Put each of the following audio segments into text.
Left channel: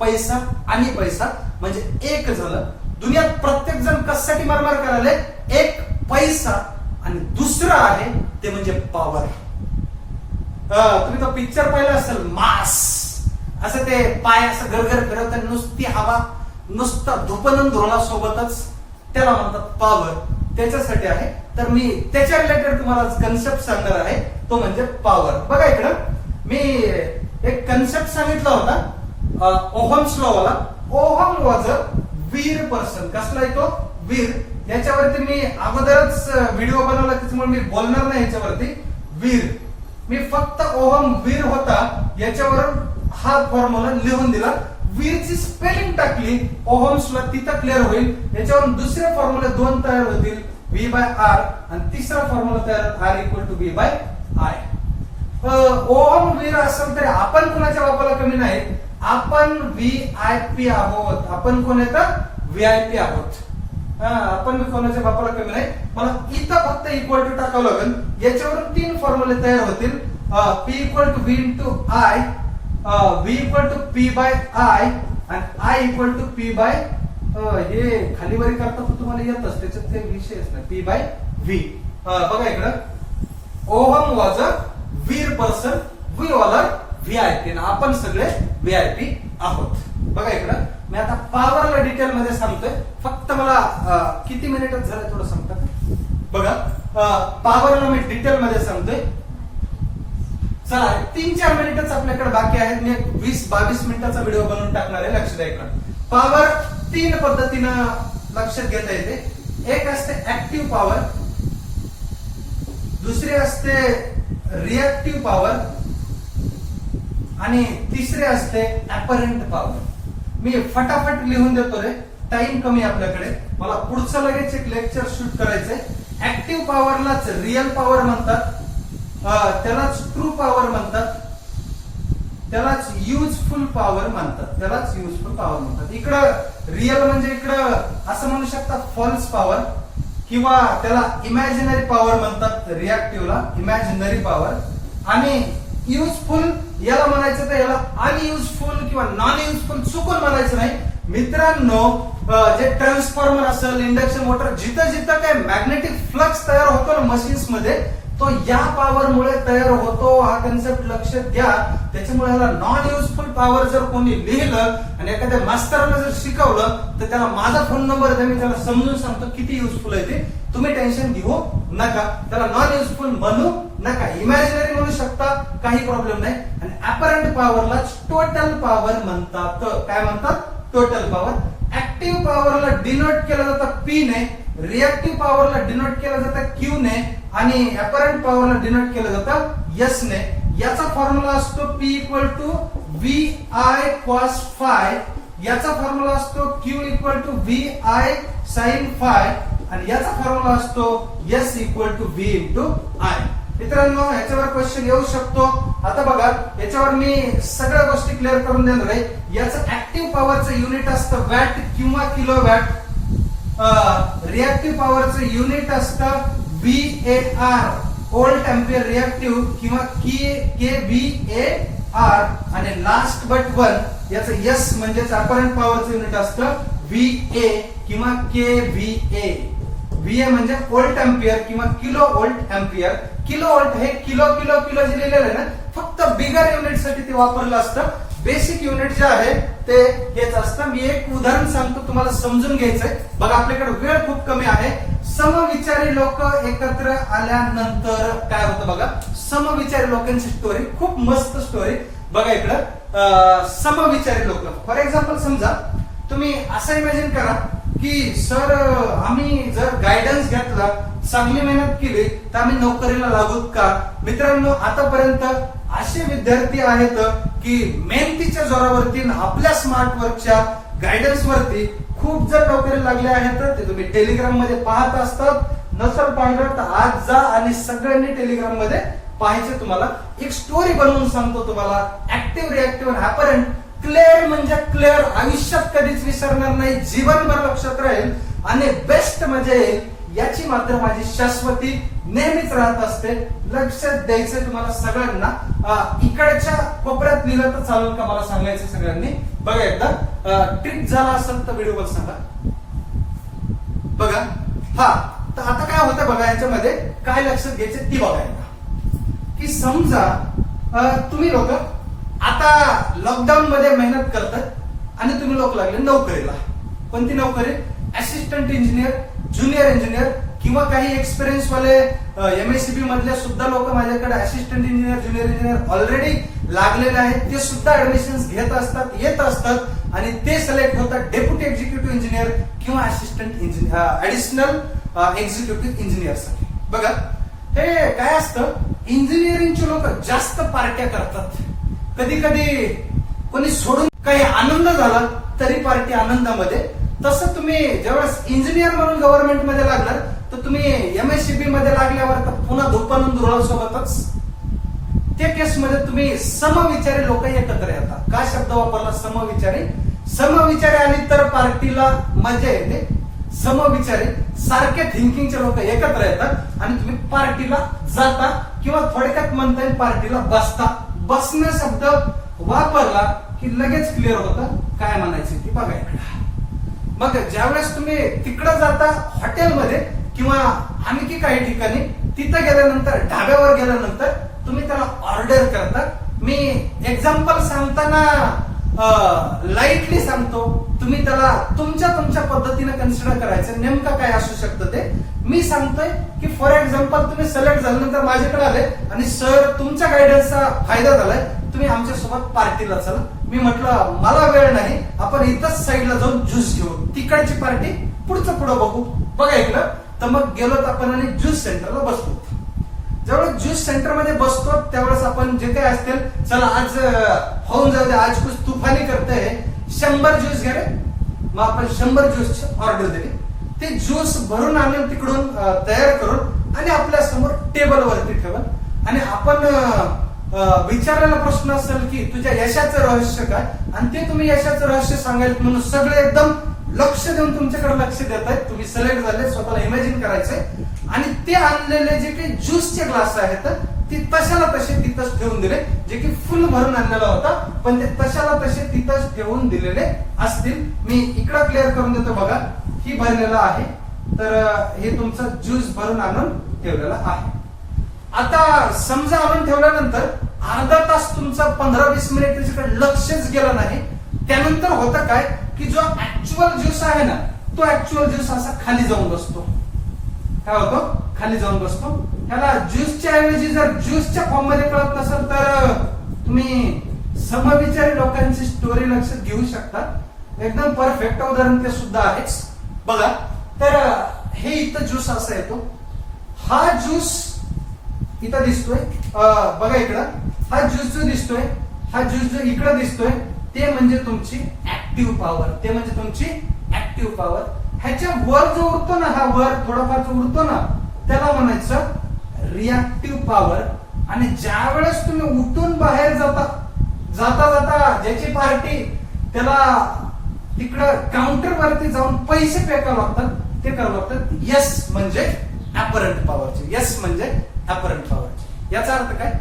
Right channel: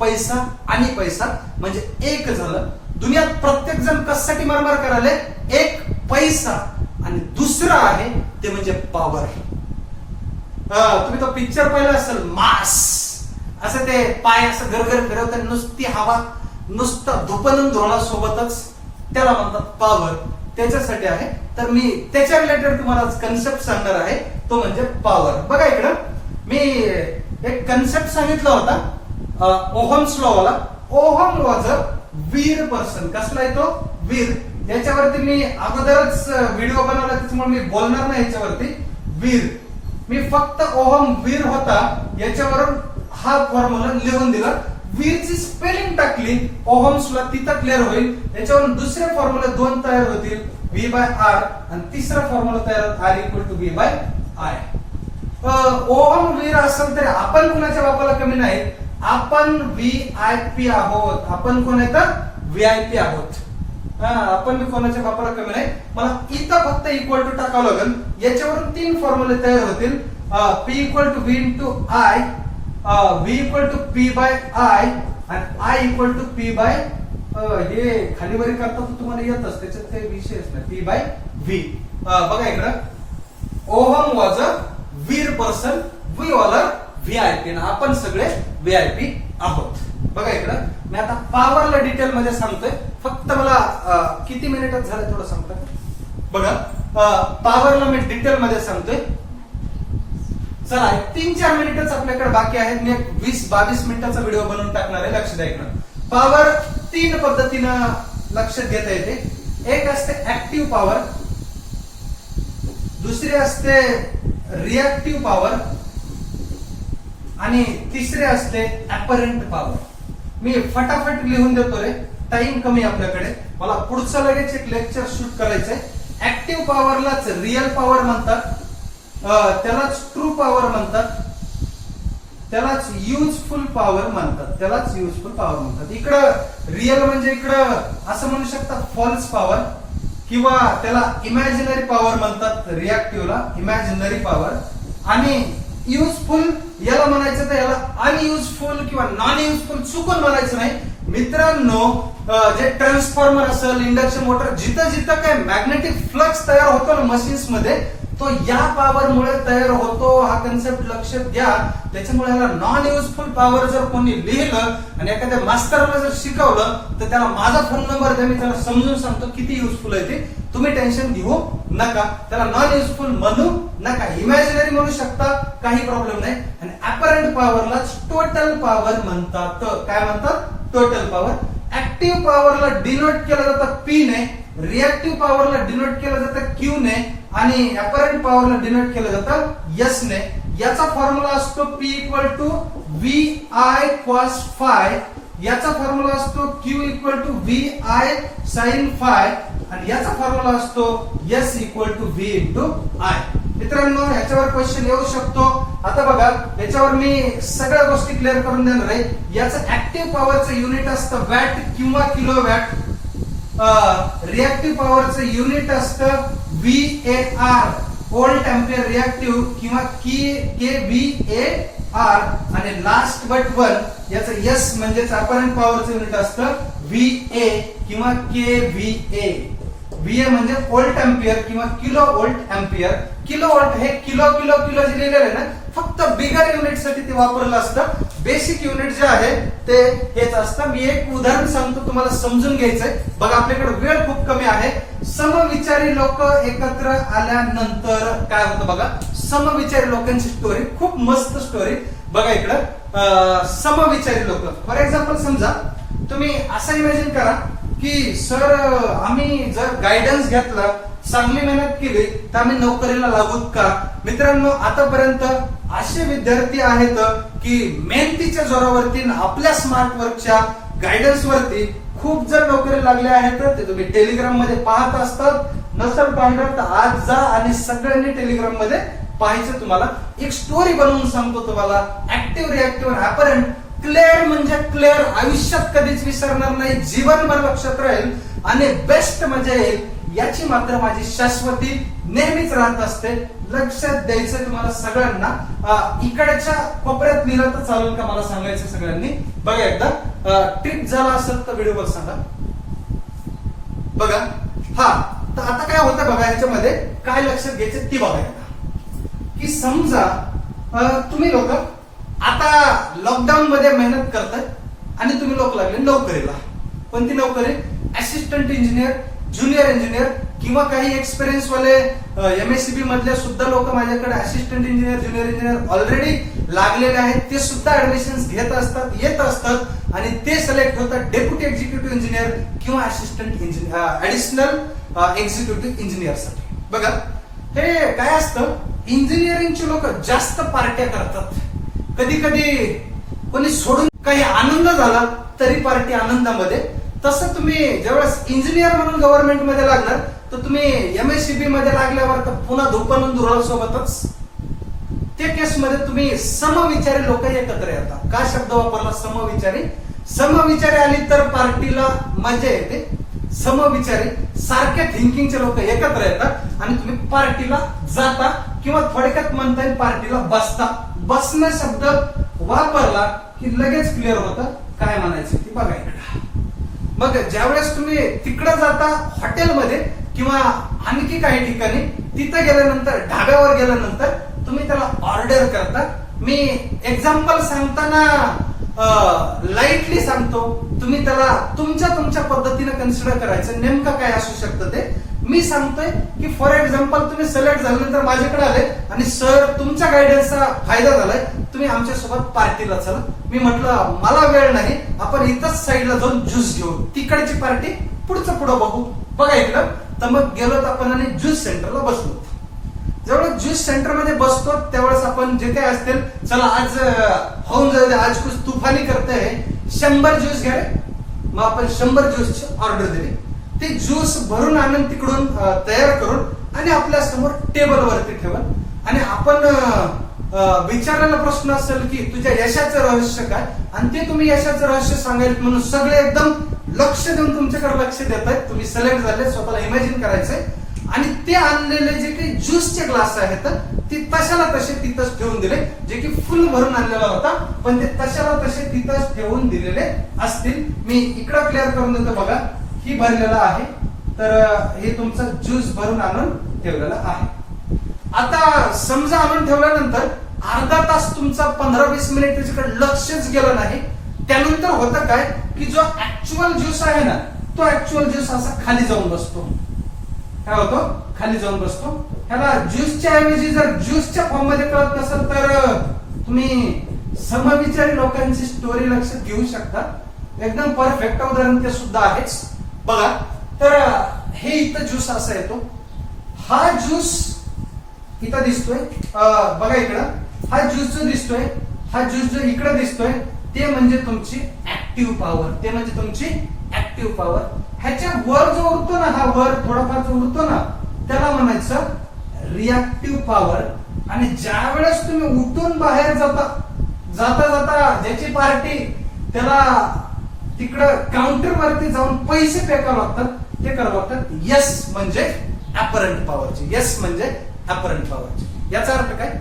पैसा आणि पैसा म्हणजे एक झालं. दुनियात प्रत्येक जण कशासाठी मारमार करायला? एक पैसा आणि दुसरं आहे ते म्हणजे पॉवर. तुम्ही तो पिक्चर पाहिला असेल मास, असं ते पाय असं गरगर फिरवतात, नुसती हवा, नुसता धुपन धुळा सोबतच, त्याला म्हणतात पॉवर. त्याच्यासाठी आहे. तर मी त्याच्या रिलेटेड तुम्हाला कन्सेप्ट सांगणार आहे, तो म्हणजे पॉवर. बघा इकडं मी एक कन्सेप्ट सांगितला होता, ओहम्स लॉ वाला. ओहम वॉज अ वीर पर्सन. कसला आहे तो? वीर. याच्यावरती मी अगोदरच व्हिडिओ बनवला, त्याच्यामुळे मी बोलणार नाही याच्यावरती. वीर, मी फक्त ओहम वीर होता याच्यावरून हा फॉर्म्युला लिहून दिला. वीरची स्पेलिंग टाकली ओहम्सला, तिथं क्लिअर होईल. याच्यावरून दुसरे फॉर्म्युले दोन तयार होतील, V by R, आणि तिसरा फॉर्म्युला तयार R equal to V by I. Ohm वीर असेल तरी आपण कोणाच्या बापाला कमी नाही. आपण VIP आहोत. आपण कोण येतं? VIP आहोत. आपण कोणाच्या बापाला कमी नाही. मला इथं फक्त इक्वल टू टाकावं लागेल. याच्यावरून तीन फॉर्म्युले तयार होतील. P equal to V into I, V equal to P by I, आणि I equal to P by, हे खाली वरी करता तर तुम्हाला येतच, त्याच्यात काही विषयच नाही. P by V. बघा इकडं, ओहम वॉज अ वीर person, we all are VIP. आपण सगळे VIP आहोत. बघा इकडं मी आता पॉवरला डिटेल मध्ये सांगतोय. फक्त मला किती मिनिटच झाले थोडं सांगता का? बघा, पॉवरला मी डिटेल मध्ये सांगतोय. चला, 3-4 मिनिटच आपल्याकडे बाकी आहेत. मी 20-22 मिनिटाचा व्हिडिओ बनवून टाकणार आहे. लक्ष द्या इकडं. पॉवर तीन पद्धतीनं लक्षात घेता येते. एक असते ऍक्टिव्ह पॉवर, दुसरी असते रिएक्टिव्ह पॉवर, आणि तिसरे असते अपरंट पॉवर. मी फटाफट लिहून देतो रे, टाइम कमी आपल्याकडे. मला पुढचं लगेच एक लेक्चर शूट करायचंय. ऍक्टिव्ह पॉवरलाच रिअल पॉवर म्हणतात, त्यालाच ट्रू पॉवर म्हणतात, त्यालाच युजफुल पॉवर म्हणतात, त्यालाच युजफुल पॉवर म्हणतात. इकडं रिअल म्हणजे इकडं असं म्हणू शकता फॉल्स पॉवर, किंवा त्याला इमॅजिनरी पॉवर म्हणतात. रिएक्टिव्हला इमॅजिनरी पॉवर. आणि युजफुल याला म्हणायचं तर याला अनयुजफुल किंवा नॉन युजफुल चुकून म्हणायचं नाही. मित्रांनो, जे ट्रान्सफॉर्मर असेल, इंडक्शन मोटर, जिथं जिथं काय मॅग्नेटिक फ्लक्स तयार होतो ना मशीन्स मध्ये, तो या पॉवर मुळे तयार होतो. हा कन्सेप्ट लक्षात घ्या. त्याच्यामुळे याला नॉन युजफुल पॉवर जर कोणी लिहिलं आणि एखाद्या मास्तरला जर शिकवलं तर त्याला माझा फोन नंबर द्या, मी त्याला समजून सांगतो किती युजफुल आहे ते. तुम्ही टेन्शन घेऊ नका. त्याला नॉन युजफुल म्हणू नका, इमॅजिनरी म्हणू शकता, काही प्रॉब्लेम नाही. आणि अपरंट पॉवरला टोटल पॉवर म्हणतात. काय म्हणतात? Total power. ऍक्टिव्ह पॉवरला डिनोट केलं जातं P ने, रिएक्टिव्ह पॉवरला डिनोट केलं जातं Q ने, आणि अपरंट पॉवरला डिनोट केलं जातं S ने. याचा फॉर्म्युला असतो P equal to VI cos phi, याचा फॉर्म्युला असतो Q equal to VI sin phi, आणि याचा फॉर्म्युला असतो S equal to V into I. मित्रांनो, याच्यावर क्वेश्चन येऊ शकतो. आता बघा, याच्यावर मी सगळ्या गोष्टी क्लिअर करून देणार आहे. याचं ऍक्टिव्ह पॉवरचं युनिट असतं वॅट किंवा किलोवॅट. रिएक्टिव्ह पॉवरचं युनिट असतं VAR, व्होल्ट अँपिअर रिएक्टिव्ह, किंवा kVAR. आणि लास्ट बट वन, याचं S म्हणजेच अपरंट पॉवरचं युनिट असतं VA किंवा kVA. VA म्हणजे व्होल्ट अँपिअर किंवा kilo volt ampere. Kilo volt हे किलो किलो किलो जे लिहिलेलं आहे ना, फक्त बिगर युनिट साठी ते वापरलं असतं. बेसिक युनिट जे आहे ते हेच असतं. मी एक उदाहरण सांगतो, तुम्हाला समजून घ्यायचंय. बघा, आपल्याकडे वेळ खूप कमी आहे. समविचारी लोक एकत्र आल्यानंतर काय होतं बघा. समविचारी लोकांची स्टोरी, खूप मस्त स्टोरी. बघा इकडं, समविचारी लोक. फॉर एक्झाम्पल, समजा तुम्ही असं इमॅजिन करा की सर, आम्ही जर गायडन्स घेतला, चांगली मेहनत केली तर आम्ही नोकरीला लागूत का? मित्रांनो, आतापर्यंत असे विद्यार्थी आहेत की मेहनतीच्या जोरावरती, आपल्या स्मार्ट वर्कच्या गायडन्स वरती खूप जण नोकरी लागले आहेत. ते तुम्ही टेलिग्राम मध्ये पाहत असतात. नसल पाहिलं तर आज जा आणि सगळ्यांनी टेलिग्राम मध्ये पाहायचं. तुम्हाला एक स्टोरी बनवून सांगतो तुम्हाला. ऍक्टिव्ह, रिएक्टिव्ह आणि अपरंट. क्लिअर म्हणजे क्लिअर, आयुष्यात कधीच विसरणार नाही, जीवनभर लक्षात राहील. आणि बेस्ट म्हणजे याची मात्र माझी शाश्वती नेहमीच राहत असते. लक्षात द्यायचं तुम्हाला सगळ्यांना. इकडच्या कोपऱ्यात लिहिलं तर चालेल का मला सांगायचं सगळ्यांनी. बघा एकदा ट्रिक झाला असेल तर व्हिडिओ सांगा. बघा हा तर आता काय होतं बघा, याच्यामध्ये काय लक्षात घ्यायचं ती बघा एकदा. की समजा तुम्ही लोक आता लॉकडाऊन मध्ये मेहनत करतात आणि तुम्ही लोक लागले नोकरीला. कोणती नोकरी? असिस्टंट इंजिनियर, ज्युनियर इंजिनियर किंवा काही एक्सपिरियन्स वाले MSCB मधले सुद्धा लोक माझ्याकडे assistant engineer, junior engineer already लागलेले आहेत. ते सुद्धा ऍडमिशन घेत असतात, येत असतात आणि ते सिलेक्ट होतात डेप्युटी एक्झिक्युटिव्ह इंजिनियर किंवा assistant engineer, additional executive engineer साठी. बघा हे काय असतं, इंजिनिअरिंगचे लोक जास्त पार्ट्या करतात. कधी कधी कोणी सोडून काही आनंद झाला तरी पार्टी आनंदामध्ये. तसं तुम्ही ज्यावेळेस इंजिनियर म्हणून गव्हर्नमेंट मध्ये लागणार तर तुम्ही MSCB मध्ये लागल्यावर तर पुन्हा धुप्पानंद सोबतच. त्या केसमध्ये तुम्ही समविचारी लोक एकत्र येतात. का शब्द वापरला समविचारी? समविचारी आली तर पार्टीला मजा येते. समविचारी सारख्या थिंकिंगचे लोक एकत्र येतात आणि तुम्ही पार्टीला जाता किंवा थोडक्यात म्हणता येईल पार्टीला बसता. बसणं शब्द वापरला की लगेच क्लिअर होतं काय म्हणायचं ती बघा इकडे. मग ज्यावेळेस तुम्ही तिकडे जाता हॉटेलमध्ये किंवा आणखी काही ठिकाणी, तिथं गेल्यानंतर ढाब्यावर गेल्यानंतर तुम्ही त्याला ऑर्डर करता. मी एक्झाम्पल सांगताना लाईटली सांगतो, तुम्ही त्याला तुमच्या पद्धतीने कन्सिडर करायचं. नेमकं काय असू शकतं ते मी सांगतोय की फॉर एक्झाम्पल तुम्ही सिलेक्ट झाल्यानंतर माझ्याकडे आले आणि सर तुमच्या गायडन्सचा फायदा झालाय, तुम्ही आमच्यासोबत पार्टीला चला. मी म्हटलं मला वेळ नाही, आपण इथंच साईडला जाऊन ज्यूस घेऊ. तिकडची पार्टी पुढचं पुढं बघू. बघा इकडं तर मग गेलो तर आपण आणि ज्यूस सेंटरला बसलो. ज्यावेळेस ज्यूस सेंटर मध्ये बसतो त्यावेळेस आपण जे काही असतील, चला आज होऊन जाऊ दे, आज कुछ तुफानी करते 100 ज्यूस घ्या रे. मग आपण 100 ज्यूस ऑर्डर दिली. ते ज्यूस भरून आणून तिकडून तयार करून आणि आपल्या समोर टेबलवरती ठेवून आणि आपण विचारलेला प्रश्न असेल की तुझ्या यशाचं रहस्य काय, आणि ते तुम्ही यशाचं रहस्य सांगायला म्हणून सगळे एकदम लक्ष देऊन तुमच्याकडे लक्ष देत आहेत. तुम्ही सिलेक्ट झाले, स्वतःला इमॅजिन करायचंय आणि ते आणलेले जे काही ज्यूसचे ग्लास आहेत ते तशाला तसे तिथंच ठेवून दिले. जे की फुल भरून आणलेला होता पण ते तशाला तसे तिथंच ठेवून दिलेले असतील. मी इकडं क्लिअर करून देतो. बघा ही भरलेला आहे, तर हे तुमचं ज्यूस भरून आणून ठेवलेला आहे. आता समजा आणून ठेवल्यानंतर अर्धा तास तुमचा 15-20 मिनिट त्याच्याकडे लक्षच गेलं नाही. त्यानंतर होतं काय की जो ऍक्च्युअल ज्यूस आहे ना, तो ऍक्च्युअल ज्यूस असा खाली जाऊन बसतो. काय होतो? खाली जाऊन बसतो. ह्याला ज्यूसच्या ऐवजी जर ज्यूसच्या फॉर्म मध्ये कळत नसेल तर तुम्ही समविचारी लोकांची स्टोरी लक्षात घेऊ शकता. एकदम परफेक्ट उदाहरण ते सुद्धा आहेच. बघा तर हे इथं ज्यूस असा येतो. हा ज्यूस इथं दिसतोय. बघा इकडं हा ज्यूस जो दिसतोय, हा ज्यूस जो इकडे दिसतोय ते म्हणजे तुमची ऍक्टिव्ह पॉवर. ते म्हणजे तुमची ऍक्टिव्ह पॉवर. ह्याच्या वर जो उरतो ना, हा वर थोडाफार जो उरतो ना, त्याला म्हणायचं रिॲक्टिव्ह पॉवर. आणि ज्या वेळेस तुम्ही उठून बाहेर जाता ज्याची पार्टी त्याला तिकडं काउंटर वरती जाऊन पैसे पे करावं लागतात, ते करावं लागतात. यस म्हणजे अपरंट पॉवरचे. यस म्हणजे अपरंट पॉवरचे. याचा अर्थ काय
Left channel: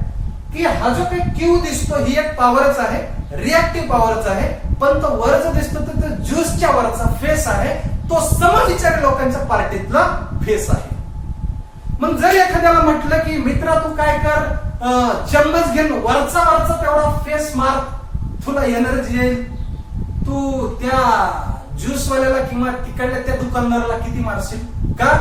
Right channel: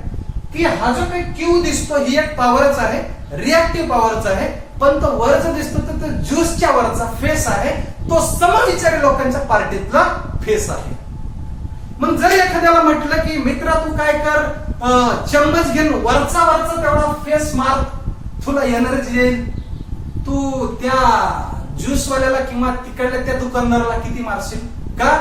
की हा जो काही क्यू दिसतो ही एक पॉवरच आहे, रिॲक्टिव्ह पॉवरच आहे. पण तो वर जो दिसतो तो ज्यूसच्या वरचा फेस आहे, तो समविचारी लोकांच्या पार्टीतला फेस आहे. मग जर एखाद्याला म्हटलं की मित्रा तू काय कर, चम्मच घेऊन वरचा तेवढा फेस मार, तुला एनर्जी येईल. तू त्या ज्यूसवाल्याला किंवा तिकडल्या त्या दुकानदाराला किती मारशील का?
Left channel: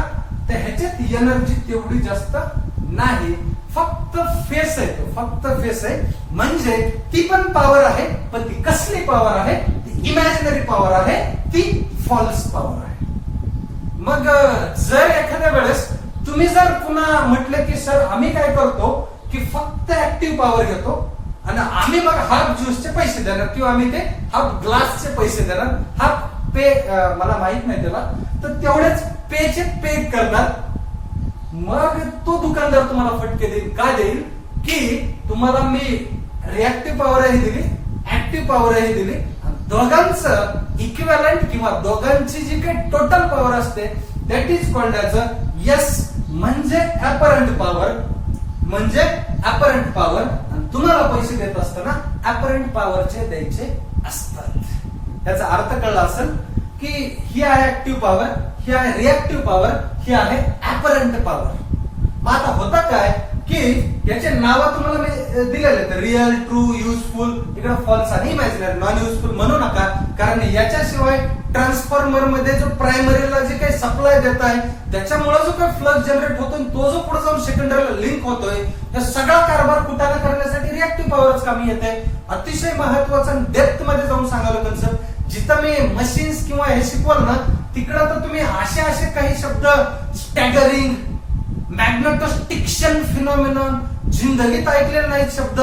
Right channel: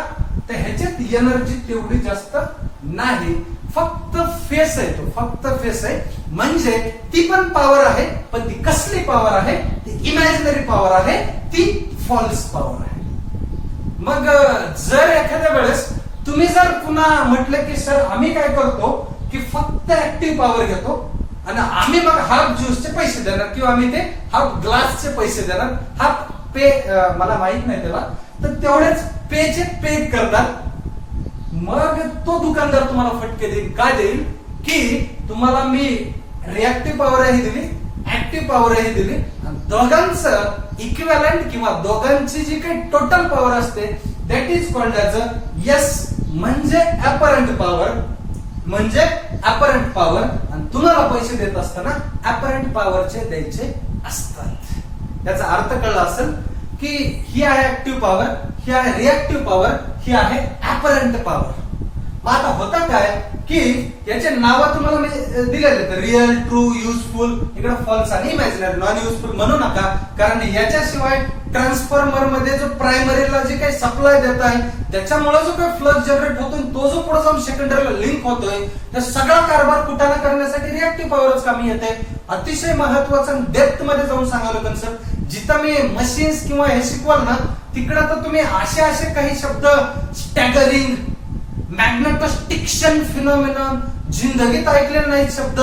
तर ह्याच्यात एनर्जी तेवढी जास्त नाही. फक्त फेस आहे, तो फक्त फेस आहे. म्हणजे ती पण पॉवर आहे, पण ती कसली पॉवर आहे? ती इमॅजिनरी पॉवर आहे, ती फॉल्स पॉवर आहे. मग जर एखाद्या वेळेस तुम्ही जर पुन्हा म्हटलं की सर आम्ही काय करतो की फक्त ऍक्टिव्ह पॉवर घेतो आणि आम्ही मग हाफ ज्यूसचे पैसे देणार किंवा आम्ही ते हाफ ग्लासचे पैसे देणार, हाफ पे मला माहित नाही त्याला, तर तेवढेच पेचे पे करणार. मग तो दुकानदार तुम्हाला फटके देईल. काय देईल की तुम्हाला मी रिॲक्टिव्ह पॉवरही दिली, ऍक्टिव्ह पॉवरही दिली, दोघांचं इक्विव्हॅलंट किंवा दोघांची जी काही टोटल पॉवर असते that is called as a S म्हणजे अपरंट पॉवर, म्हणजे अपरंट पॉवर. आणि तुम्हाला पैसे देत असताना अपरंट पॉवरचे द्यायचे असतात. याचा अर्थ कळला असेल की ही आहे ऍक्टिव्ह पॉवर, ही आहे रिएक्टिव्ह पॉवर, ही आहे अपरंट पॉवर. मग आता होतं काय की याचे नाव तुम्हाला मी दिलेले तर रिअल, ट्रू, युजफुल, इकडे फॉल्स आणि इमॅजिनरी. नॉन युजफुल म्हणू नका, कारण याच्याशिवाय ट्रान्सफॉर्मर मध्ये जो प्रायमरीला जे काही सप्लाय देत आहे त्याच्यामुळे जो काही फ्लक्स जनरेट होतो तो जो पुढे जाऊन सेकंडरीला लिंक होतोय त्या सगळा कारभार कुटाणा करण्यासाठी रिएक्टिव्ह पॉवरच कामी येते. अतिशय महत्वाचं डेप्थ मध्ये जाऊन सांगायला कन्सेप्ट. जिथं मी मशीन्स किंवा हे शिकवाल ना तिकडं तर तुम्ही असे काही शब्द स्टॅगरिंग, मॅग्नेटोस्टिक्शन फिनॉमिनॉन जिंदगीत ऐकलेले नाहीत शब्द,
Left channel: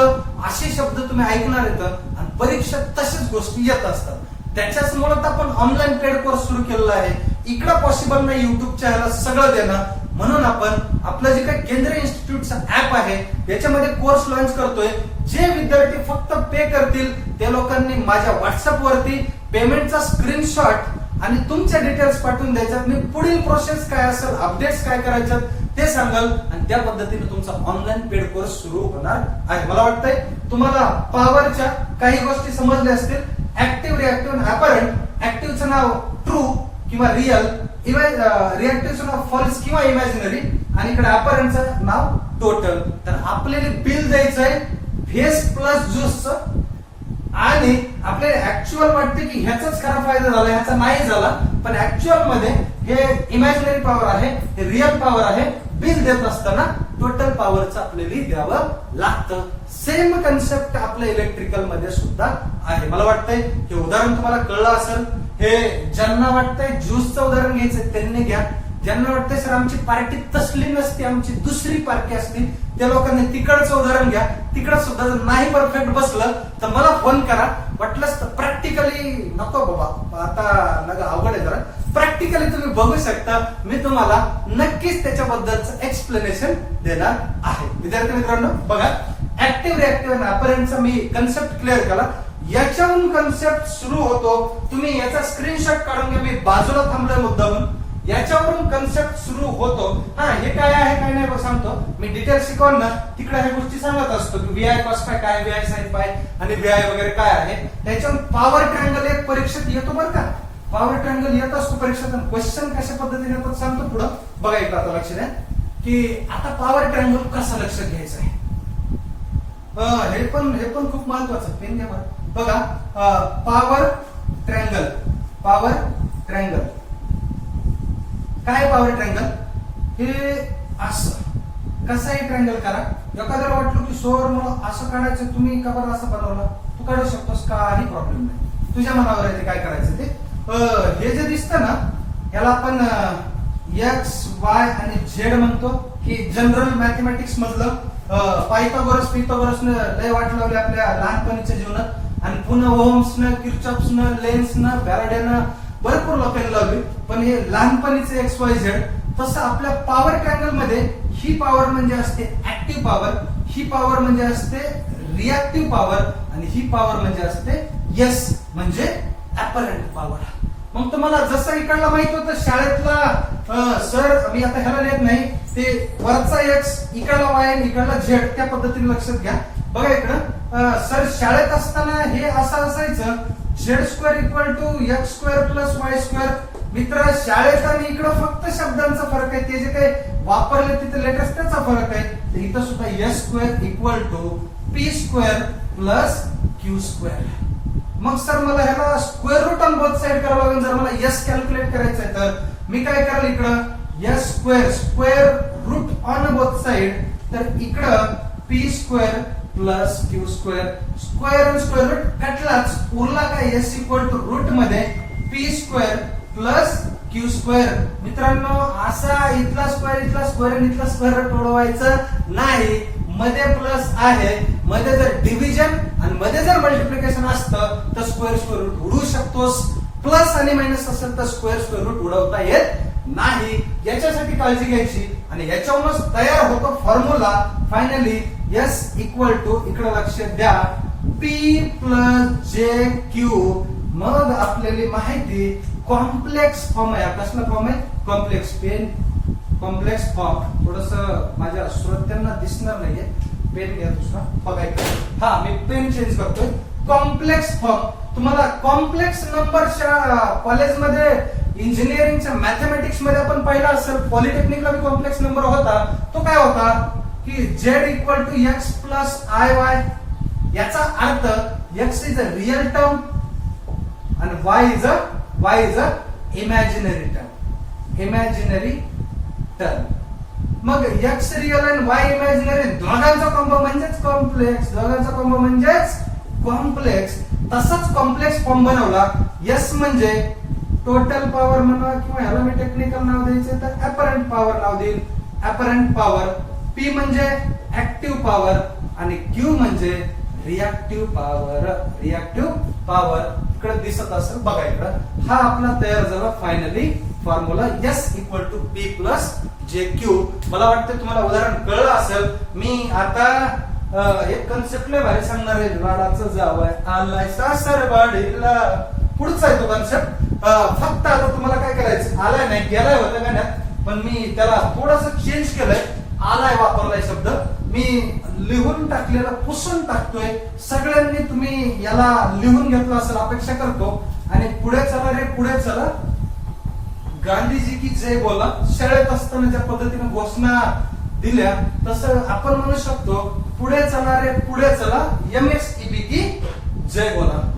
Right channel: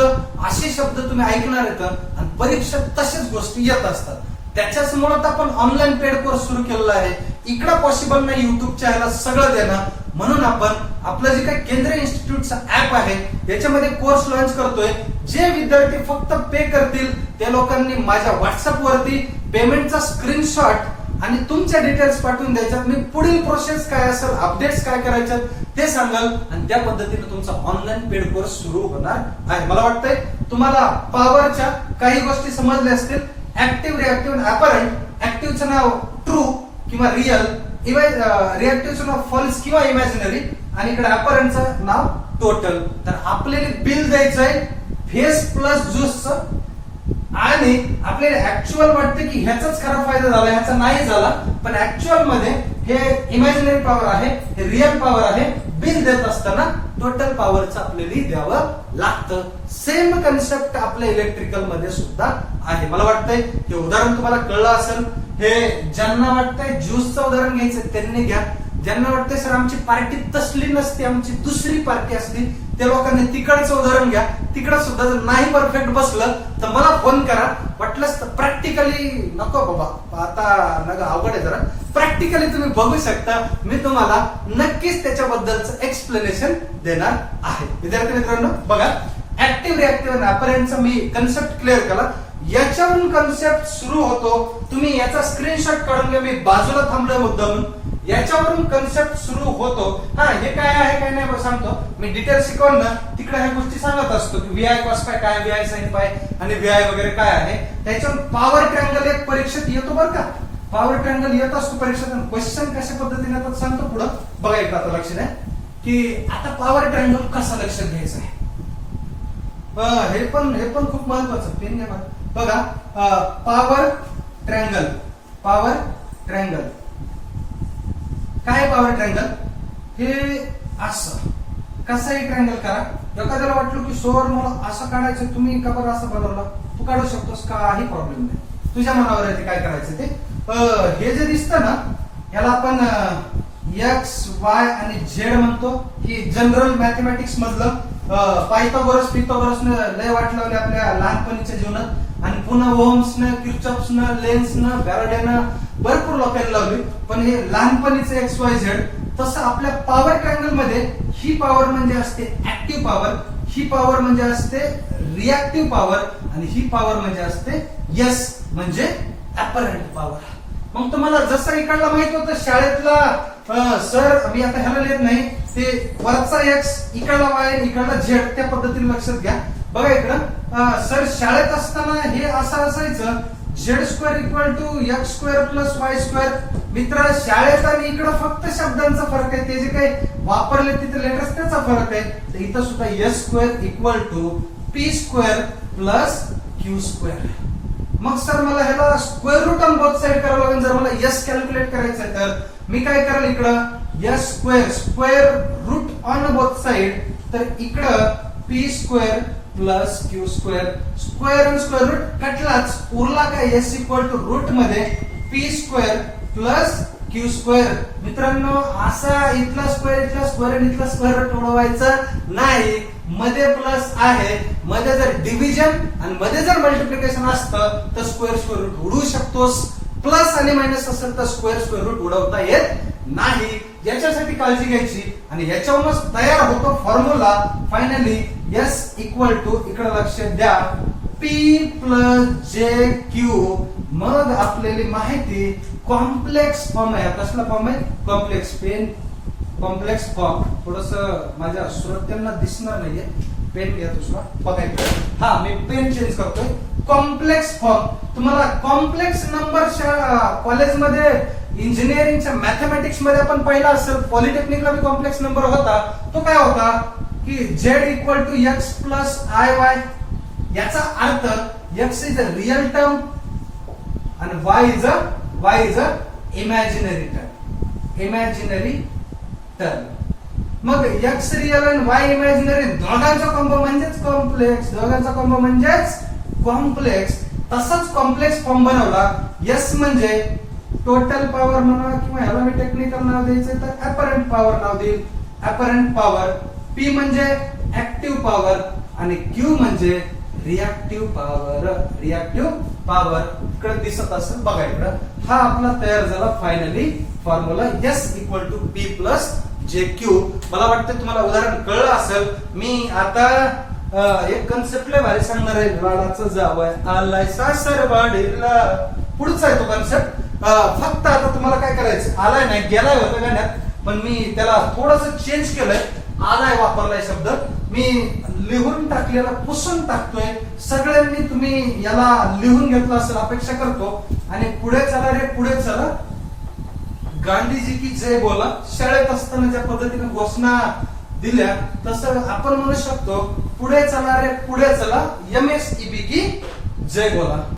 असे शब्द तुम्ही ऐकणार आहेत आणि परीक्षेत तशाच गोष्टी येत असतात. त्याच्याचमुळे आपण ऑनलाईन पेड कोर्स सुरू केलेला आहे. इकडं पॉसिबल नाही युट्यूबच्या ह्याला सगळं देणं, म्हणून आपण आपलं जे काही केंद्रीय इन्स्टिट्यूटचा ऍप आहे याच्यामध्ये कोर्स लॉन्च करतोय. जे विद्यार्थी फक्त पे करतील त्या लोकांनी माझ्या व्हॉट्सअप वरती पेमेंटचा स्क्रीनशॉट आणि तुमच्या डिटेल्स पाठवून द्यायच्यात. मी पुढील प्रोसेस काय असेल, अपडेट्स काय करायच्यात ते सांगाल आणि त्या पद्धतीने तुमचा ऑनलाईन पेड कोर्स सुरू होणार आहे. मला वाटतंय तुम्हाला पॉवरच्या काही गोष्टी समजल्या असतील. Active, reactive, apparent. ऍक्टिव्हचं नाव ट्रू किंवा रिअल, रिएक्टिव्हचं नाव फॉल्स किंवा इमॅजिनरी आणि इकडे अपरंटचं नाव टोटल. तर आपल्याला बिल द्यायचंय फेस प्लस ज्यूसचं आणि आपल्याला ऍक्च्युअल वाटते की ह्याचाच खरा फायदा झाला, ह्याचा नाही झाला, पण ऍक्च्युअल मध्ये हे इमॅजिनरी पॉवर आहे, हे रिअल पॉवर आहे. बिल देत असताना टोटल पॉवरचं आपल्याला द्यावं लागतं. सेम कन्सेप्ट आपल्या इलेक्ट्रिकल मध्ये सुद्धा आहे. मला वाटतंय हे उदाहरण तुम्हाला कळलं असेल. हे ज्यांना वाटतंय ज्यूसचं उदाहरण घ्यायचं त्यांनी घ्या. ज्यांना वाटतंय सर आमची पार्टी तसली नसते, आमची दुसरी पार्टी असते, त्या लोकांनी तिकडचं उदाहरण घ्या. तिकडं सुद्धा जर नाही परफेक्ट बसलं तर मला फोन करा. वाटलंच तर प्रॅक्टिकली नको बाबा, आता नका अवघड आहे जरा. प्रॅक्टिकली तुम्ही बघू शकता, मी तुम्हाला नक्कीच त्याच्याबद्दलचं एक्सप्लेनेशन देणार आहे. विद्यार्थी मित्रांनो बघा, ऍक्टिव्ह, रिएक्टिव्ह आणि अपरंटचा मी कन्सेप्ट क्लिअर केला. याच्यावरून कन्सेप्ट सुरू होतो. तुम्ही याचा स्क्रीनशॉट काढून घ्या. मी बाजूला थांबलोय मुद्दामून. याच्यावरून कन्सेप्ट सुरू होतो. हा, हे काय आहे काय नाही सांगतो मी. डिटेल शिकवलं ना तिकडे ह्या गोष्टी सांगत असतो की व्हीआय कॉस पाय काय, व्हीआय साइन पाय आणि व्हीआय वगैरे काय आहे. त्याच्यावरून पॉवर ट्रँगल एक परीक्षेत येतो बरं का. पॉवर ट्रँगल येत असतो परीक्षेत. क्वेश्चन कशा पद्धतीने येतात सांगतो पुढं. बघा एकदा आता लक्ष द्या की आता पॉवर ट्रँगल कसा लक्षात घ्यायचं आहे. हे पण खूप महत्वाचं. पेन घ्या बघा. पॉवर ट्रँगल, पॉवर ट्रँगल काय? पॉवर ट्रँगल हे असं कसंही ट्रँगल करा. एखाद्याला वाटलं की सोर मला असं काढायचं, तुम्ही का बरं असं बनवलं, तू काढू शकतोस, काही प्रॉब्लेम नाही, तुझ्या मनावर आहे ते काय करायचं ते. हे जे दिसतं ना याला आपण एक्स, वाय आणि झेड म्हणतो. ही जनरल मॅथमॅटिक्स मधलं पायथागोरसने लय वाट लावली आपल्या लहानपणीच्या जीवनात आणि पुन्हा ओम्सनं, किर्चॉफ्सनं, लेन्सनं, फॅराडेनं भरपूर लोकांनी लावली. पण हे लहानपणीचं एक्स वाय झेड. तसं आपल्या पॉवर ट्रँगल मध्ये ही पॉवर म्हणजे असते ऍक्टिव्ह पॉवर, ही पॉवर म्हणजे असते रिएक्टिव्ह पॉवर आणि ही पॉवर म्हणजे असते यस म्हणजे अपरंट पॉवर. मग तुम्हाला जसं इकडला माहित होतं शाळेतला सर, मी आता ह्याला लिहित नाही, ते वरचा एक्स इकडला वाय इकडला झेड, त्या पद्धतीने लक्षात घ्या. बघा इकडं सर शाळेत असताना हे असं असायचं z square equal to x square plus y square. मित्र शाळेत आणि इकडं फक्त शब्दांचा फरक आहे, ते जे काही वापरले तिथे लेटर्स त्याचा फरक आहे. तर इथं सुद्धा s square equal to p square plus q square. मग सर मला ह्याला square root on both side करावं लागेल. जर मला एस कॅल्क्युलेट करायचं आहे तर मी काय करेल, इकडं s square square root on both side, तर इकडं p square plus q square. Square आणि स्क्वेअर रूट कटलाच, उरला काय एस इक्वल टू रूट मध्ये p square plus q square. मित्रांनो असा इथला स्क्वेअर आणि इथला स्क्वेअर रूट उडवायचं नाही. मध्ये प्लस आहे, मध्ये जर डिव्हिजन आणि मध्ये जर मल्टिप्लिकेशन असतं तर स्क्वेअर रूट उडवू शकतोस. प्लस आणि मायनस असेल तर स्क्वेअर रूट उडवता येत नाही. याच्यासाठी काळजी घ्यायची आणि याच्यावरूनच तयार होतो formula finally s equal to, इकडे लक्ष द्या, पी प्लस जे क्यू मग आपल्याला माहिती कॉम्प्लेक्स फॉर्म आहे. कसला फॉर्म आहे? कॉम्प्लेक्स पेन कॉम्प्लेक्स फॉर्म. थोडस माझ्या श्रोत्यांना दिसणार नाहीये. पेन घ्या दुसरा बघायचं. हा मी पेन चेंज करतोय. Complex form. तुम्हाला कॉम्प्लेक्स नंबरच्या कॉलेजमध्ये इंजिनिअरिंगच्या मॅथमॅटिक्स मध्ये आपण पाहिला असेल. पॉलिटेक्निकला बी कॉम्प्लेक्स नंबर होता. तो काय होता की z equal to x plus i y. याचा अर्थ x is a real term आणि y is a imaginary term. Imaginary term. मग x रियल आणि y इमॅजिनरी दोघांचा कॉम्बो म्हणजेच कॉम्प्लेक्स. दोघांचा कॉम्बो म्हणजेच कॉम्प्लेक्स. तसाच कॉम्प्लेक्स फॉर्म बनवला. S म्हणजे टोटल पॉवर म्हणा किंवा ह्याला मी टेक्निकल नाव द्यायचं तर अपरंट पॉवर नाव देईल. Apparent power. P म्हणजे ऍक्टिव्ह पॉवर आणि Q म्हणजे रिएक्टिव्ह पॉवर. रिएक्टिव्ह पॉवर इकडे दिसत असेल बघा इकडं. हा आपला तयार झाला finally formula S equal to P plus JQ. मला वाटतं तुम्हाला उदाहरण कळलं असेल. मी आता एक कन्सेप्ट लय भारी सांगणार आहे. वाडाचं जावं आलाय सासरवाडीला. पुढचा आहे तो कन्सेप्ट. फक्त आता तुम्हाला काय करायचं, आलाय नाही गेलाय होतं गाण्यात पण मी त्याला थोडस चेंज केलंय. आलाय वापरलाय शब्द मी लिहून टाकलेला पुसून टाकतोय. सगळ्यांनी तुम्ही याला लिहून घेतलं असेल अपेक्षा करतो. आणि पुढे चला रे पुढे चला. गांधीजी की जय बोला. शाळेत असताना ज्या पद्धतीने घोषणा दिल्या तसं आपण म्हणू शकतो पुढे चला रे पुढे चला. MSEB की जय बोला.